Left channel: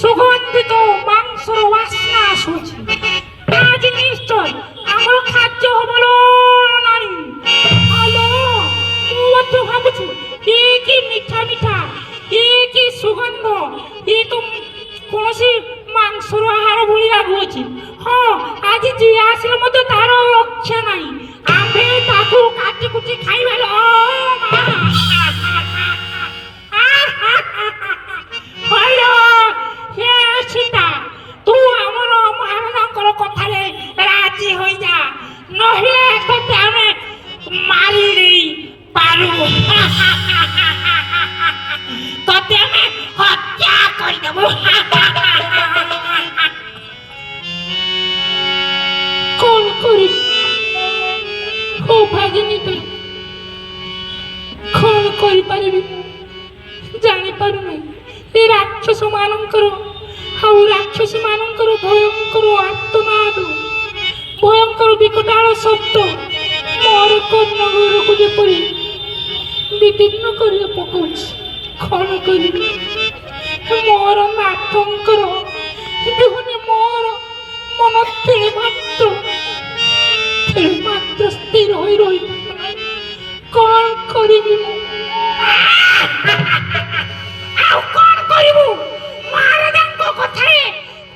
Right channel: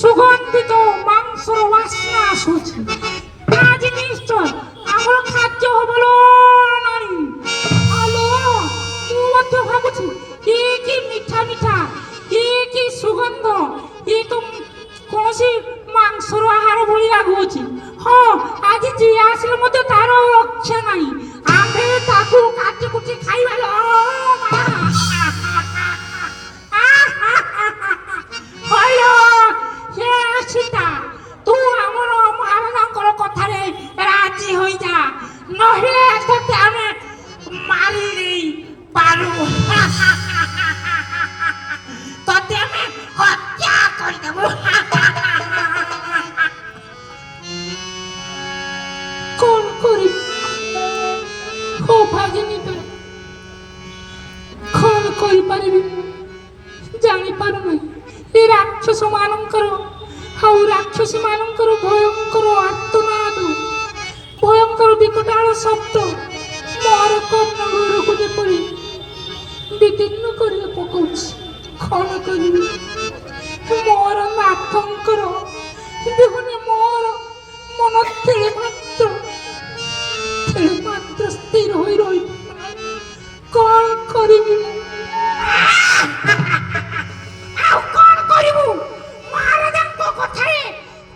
সুগন্ধিত মাংসর বাসনা আসুছে। আজ নিশ্চয় আমার খাদ্য হবলো নারী। ମୁଁ ଭାବୁଛି କି ମିଠା ମିଠା କି ସୁଗନ୍ଧ ଏ ତ କୌଣସି ମାଂସର ଆହାର ଭଳି ଲାଗୁଅଛି। ହଁ ଆଜି ଯିଏ ଆସିଲେ ମଧ୍ୟ ତାର ରକ୍ଷା ନାହିଁ। ଆମେ ତାକୁ କାଟି କୁଟି ଖାଇବା। ସୀତା ତୁ ଆମର ମହାରାଜାଙ୍କର କଥାରେ ରାଜି ହୋଇଯା, ନହେଲେ ତତେ ଆମେ ମାରି ଦେଇ ପାରୁ। ତତେ ଆମେ ହତ୍ୟା କରିଦେବୁ। କଣ କରିବି ଓ ଭାଗିନୀ, କଣ କରିପାରିବି ଜାଣିପାରୁନାହିଁ। ଏ ରାକ୍ଷସ ମାନଙ୍କର ଆଉ ରାକ୍ଷସୀ ମାନଙ୍କର ଭୟଙ୍କର ଆର୍ତ୍ତନାଦ, ଭୟଙ୍କର ବିକଟାଳ ଶବ୍ଦ ମୋର କର୍ଣ୍ଣ ଘରକୁ ଯେପରି ବିଦୀର୍ଣ୍ଣ କରି ପକାଉଛି। କଣ କରିବି ମୋର ନାଥଙ୍କର ବିହୁନି ମୋର ମନ ତିଳେ ମାତ୍ର ସ୍ଥିର ହୋଇ ରହିବ। କଣ କରିବି ମୁଁ? ଆଉ କଣ କରିବୁ? ମହାରାଜାଙ୍କ କଥାରେ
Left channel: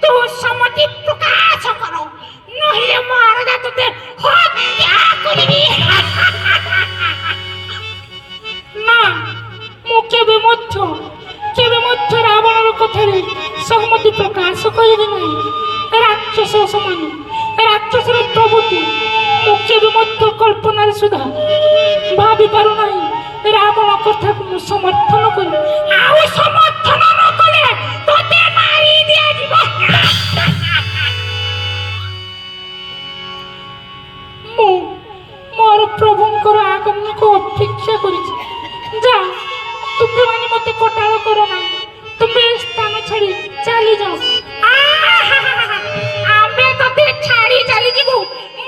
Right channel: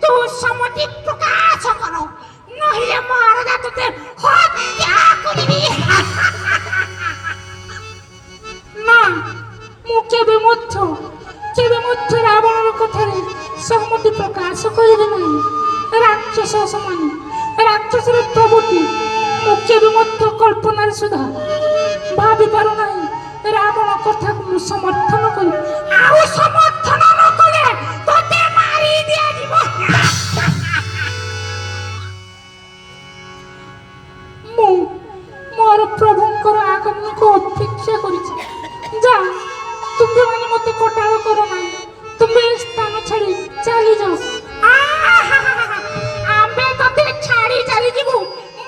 ତୁ ସମ୍ମତି ପ୍ରକାଶ କର, ନହେଲେ ମହାରାଜା ତତେ ହତ୍ୟା କରିବି। ନା, ମୁଁ କେବେ ମଧ୍ୟ ରାବଣର କଥାରେ ସମ୍ମତି ପ୍ରକାଶ କରିବି ନାହିଁ। ରାକ୍ଷସ ସମାନ ରାକ୍ଷସର ପ୍ରଭୃତି ମୁଁ କେବେ ମଧ୍ୟ କଳ୍ପନାରେ ସୁଦ୍ଧା ଭାବି ପାରୁନାହିଁ। ରାବଣ କଥାକୁ ମୁଁ ସମର୍ଥନ କରି, ଆଉ ସମର୍ଥନ ନ କଲେ ତତେ ମାରି ଦିଆଯିବ। ମୁଁ ମୋର ପ୍ରଭୁଙ୍କର ଆଗମନକୁ ଅପେକ୍ଷା କରିଛି। ଯା, ତୁମେ ମାନେ ମତେ କଟାଳ କର ନାହିଁ। ତୁମେ ଏ ସ୍ଥାନ ଛାଡ଼ି ଚାଲିଯାଅ। ଆମେ ତତେ ଛାଡ଼ି ଚାଲିଯିବୁ।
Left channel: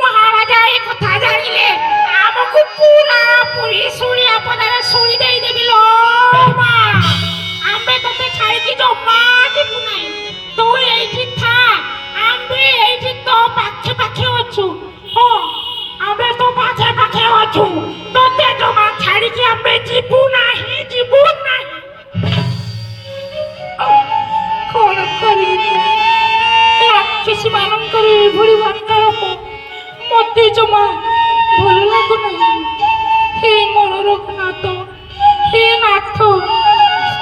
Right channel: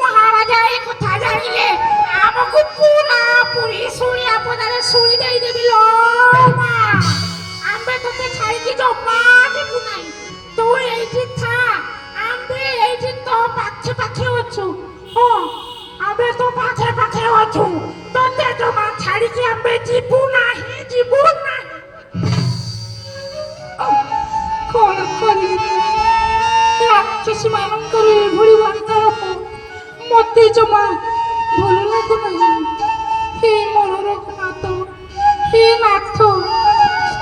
ମହାରାଜା ଏ କଥା ଜାଣିଲେ ଆମକୁ ପୁରାପୁରି ଶୁଣିଆ ପଦାରେ ଶୁଣି ଦେଇଦେବି। ଆମେ ତତେ ଛାଡ଼ିକି ଜମା ଯିବୁ ନାହିଁ। ତୁ ଏଇଠି ଥା, ଆମେ ଏଇଠି ତୋ ପାଖେ ପାଖେ ଅଛୁ। ହଁ, ଆମେ ତୋ ପାଖେ ପାଖେ ଅଛୁ। ତତେ ଜମା ଛାଡ଼ିକି ଆମେ ଯିବୁ ନାହିଁ। କଣ କରିବି? ରାକ୍ଷସୀ ମାନଙ୍କର ଏଭଳି ବାର୍ତ୍ତାଳାପ ମତେ ଜମା ଭଲ ଲାଗୁନାହିଁ। ହେ ମୋର ରଘୁନାଥ, ହେ ନାଥ,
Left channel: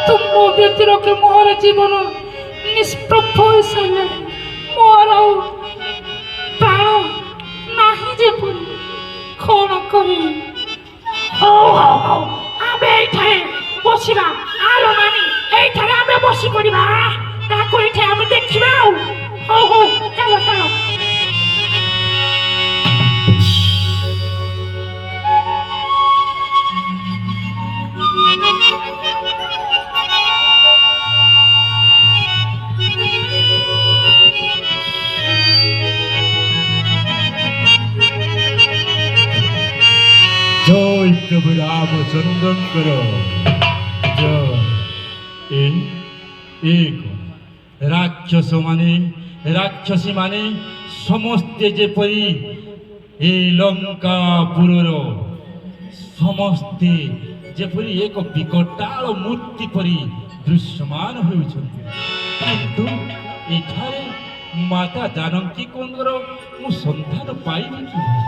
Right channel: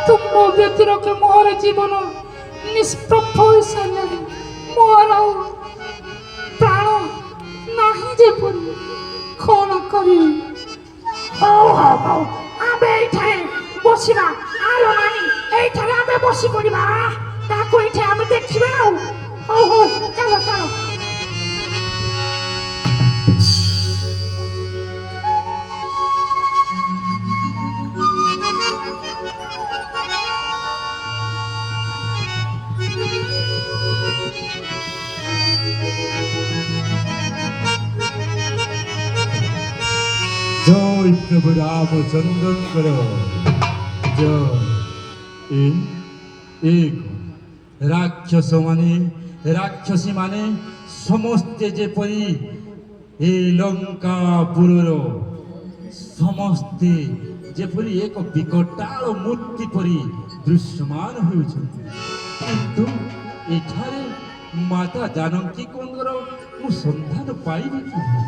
ତୁମ ବ୍ୟତିରେକେ ମୋର ଜୀବନ ନିଷ୍ପ୍ରଭ ହୋଇସାରିଲାଣି। ମୋର ଆଉ ପ୍ରାଣ ନାହିଁ ଯେପରି। କଣ କରିବି? ହଉ ଆମେ ଏଇଠାରେ ବସିବା। ଆଲୋ ନାନୀ, ଏଇଠାରେ ଆମେ ବସି ପଡ଼ିବା। ତାକୁ ଏଇଠି ଆମେ ଦେଖିବା। ଆଉ ହଉ ଚାଲ। জয় প্রভু রামচন্দ্রঙ্কর জয়। রাক্ষসী মানে সমস্তে যেপরি এ লঙ্কাপুরর ସମସ୍ତେ ଯେପରି ଏକ ବିକଟାଳ ମୂର୍ତ୍ତି ପରି ଦୃଶ୍ୟମାନ ହେଉଛନ୍ତି। କିନ୍ତୁ ଏଠାରେ ମାତା ଜାନକୀଙ୍କର ମୁଁ ସନ୍ଧାନ ପାଇବି କିଭଳି?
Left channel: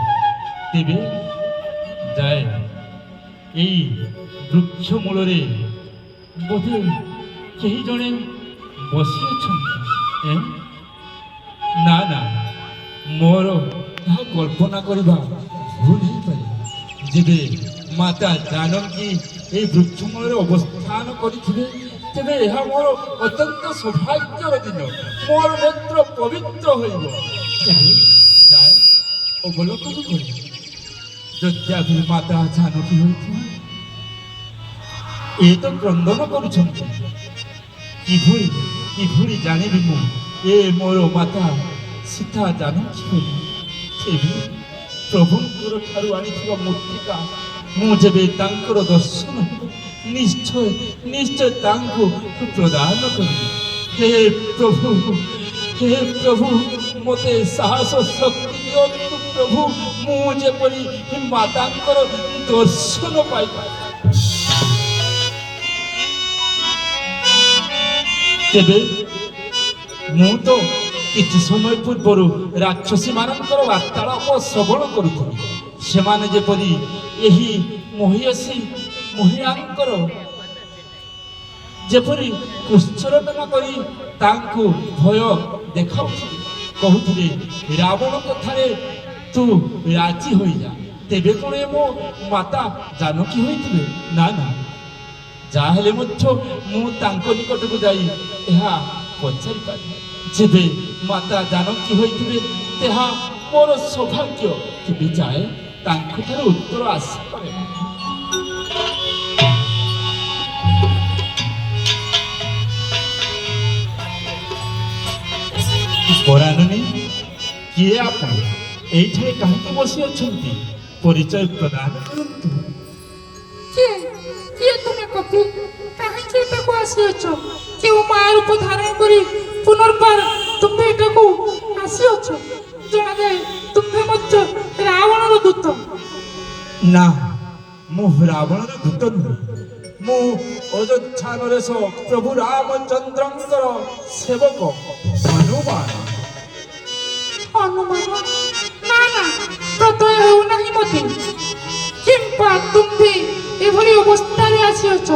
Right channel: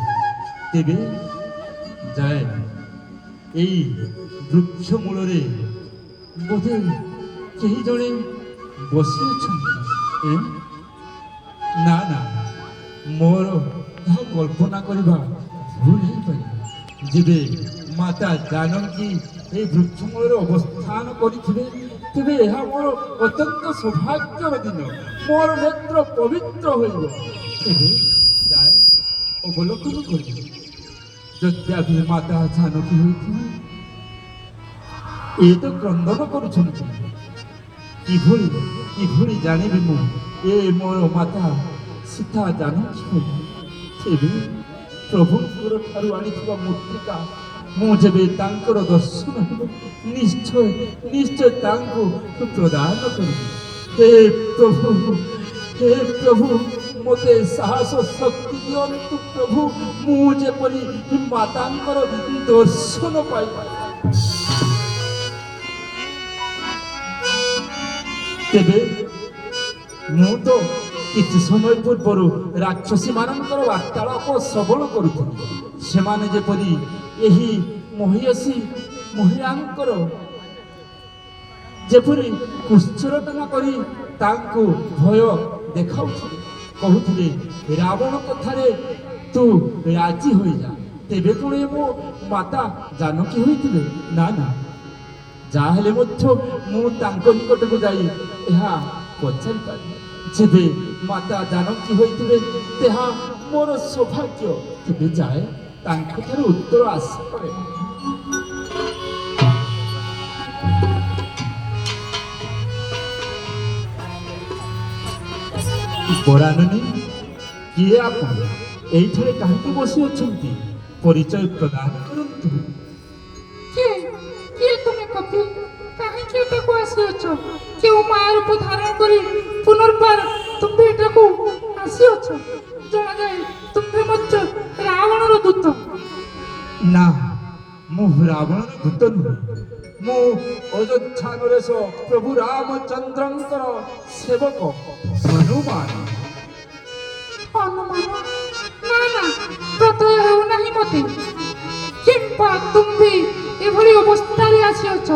ତେବେ ଯାଏ ଏଇ ବୃକ୍ଷ ମୂଳରେ ବୋଧେ କେହି ଜଣେ ବସିଅଛନ୍ତି। ନା, ମୋର ତାହା କଳ୍ପନା କରିବା ଭୁଲ ହେଇପାରିବ। ଯେବେ ମାତା ଜାନକୀ এই ବୃକ୍ଷମୂଳରେ ଅବସ୍ଥାନ କରିଥିଲେ ତେବେ ଏହା ମୋର ଅତ୍ୟନ୍ତ ସୌଭାଗ୍ୟର ଦିନ ମୋର ନେତ୍ର ପବିତ୍ର ହୋଇବ ତେବେ ଯାଏ ଅବଲୋକନ କରିବ ଯଦି ମାତା ଜାନକୀ ହୋଇଥିଲେ ଏ ତ କ୍ରନ୍ଦନ କରୁଛନ୍ତି କିଭଳି ଜାଣିବି ମୁଁ ଏ ମୋର ମାତା ସୀତା ଜାନକୀ ହୋଇ ତେବେ ପ୍ରଭୁଙ୍କର ଠାରୁ ଆଣିଥିବା ମୂର୍ତ୍ତିକା ମୁଁ ଯେବେ ତାଙ୍କର ଦର୍ଶନ ହେବ ନିଶ୍ଚୟ ତାଙ୍କୁ ପ୍ରଦାନ କରିବି ହେ ପ୍ରଭୁ ମୋତେ ସାହସ ଶକ୍ତି ଦିଅନ୍ତୁ ପ୍ରଭୁ ମୁଁ ଯେପରି ମାତାଙ୍କର ଦର୍ଶନ ପାଇପାରେ ତେବେ ମୁଁ ତ କିଛି ସମୟ ପୂର୍ବରୁ ରାକ୍ଷସୀ ମାନଙ୍କର ବାର୍ତ୍ତାଳାପ ଶ୍ରବଣ କରୁଥିଲି ସେମାନେ ଯେପରି ଏହି ମହିଳାଙ୍କର ଯେପରି କୁଷ୍ଠରଟନା କରି ତାଙ୍କୁ ଭୟ ଦେଖାଉଥିଲେ କହୁଥିଲେ ରାବଣ କଥାରେ ତୁ ରାଜି ହୋଇଯା ତେବେ କଣ ଏ ମୋ ମାତା ଜାନକୀ ହୋଇଥିବେ ନା ଯାହାହେଲେ ମଧ୍ୟ ମୁଁ ତାଙ୍କ ନିକଟକୁ ଯାଇ ଏହା ପଚାରିପାରିବି ଯେବେ ମାତା ଜାନକୀ ହୋଇଥିବେ ତାହା ମୋର ସୌଭାଗ୍ୟ କେବେ ଯାଏ ତାଙ୍କଠାରୁ ଉତ୍ତର ଆଶା କରେ ପରାଣୀ କିଏ ଆପଣ ଏଇଠାରେ କାହିଁକି ବସି ଅଛନ୍ତି ପରିଚୟ ପ୍ରଦାନ କରନ୍ତୁ କିଏ ତୁମେ କପି କାହିଁକି ଏଠାକୁ ଆସିଅଛ କେଉଁ ମାଆ ରୂପ ଧାରଣ କରି ପୁନର୍ବାର ତୁମେ ଏଠାକୁ ଆସିଅଛ ଜଣାଯାଏ ତୁମେ ମଧ୍ୟ ରାବଣର ଦୂତ ନା ମୁଁ ରାବଣର ଦୂତ ନୁହେଁ ମୁଁ ଅଯୋଧ୍ୟା ନରେଶ ପ୍ରଭୁ ରାମଚନ୍ଦ୍ରଙ୍କର ସେବକ ହନୁମାନ ନା ପ୍ରତ୍ୟୟ ହେଉ ନାହିଁ ମତେ କିମ୍ବା ତୁମ୍ଭେ ଏଭଳି ଅବସ୍ଥାରେ ଆସିଅଛ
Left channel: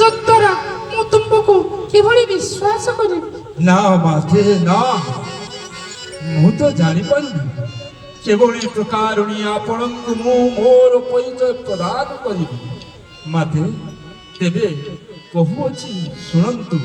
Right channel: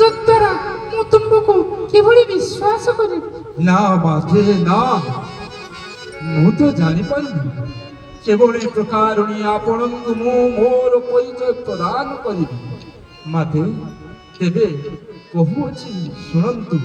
ଯଦ୍ୱାରା ମୁଁ ତୁମକୁ କିଭଳି ବିଶ୍ୱାସ କରିବି ନା ମାତେ ନା ମୁଁ ତ ଜାଣିପାରିନି କେବଳ ଏ ପ୍ରକାରୁଣୀ ଆପଣଙ୍କୁ ମୁଁ ମୋର ପରିଚୟ ପ୍ରଦାନ କରିବି ମାତେ ତେବେ କହୁଅଛି ଶୁଣନ୍ତୁ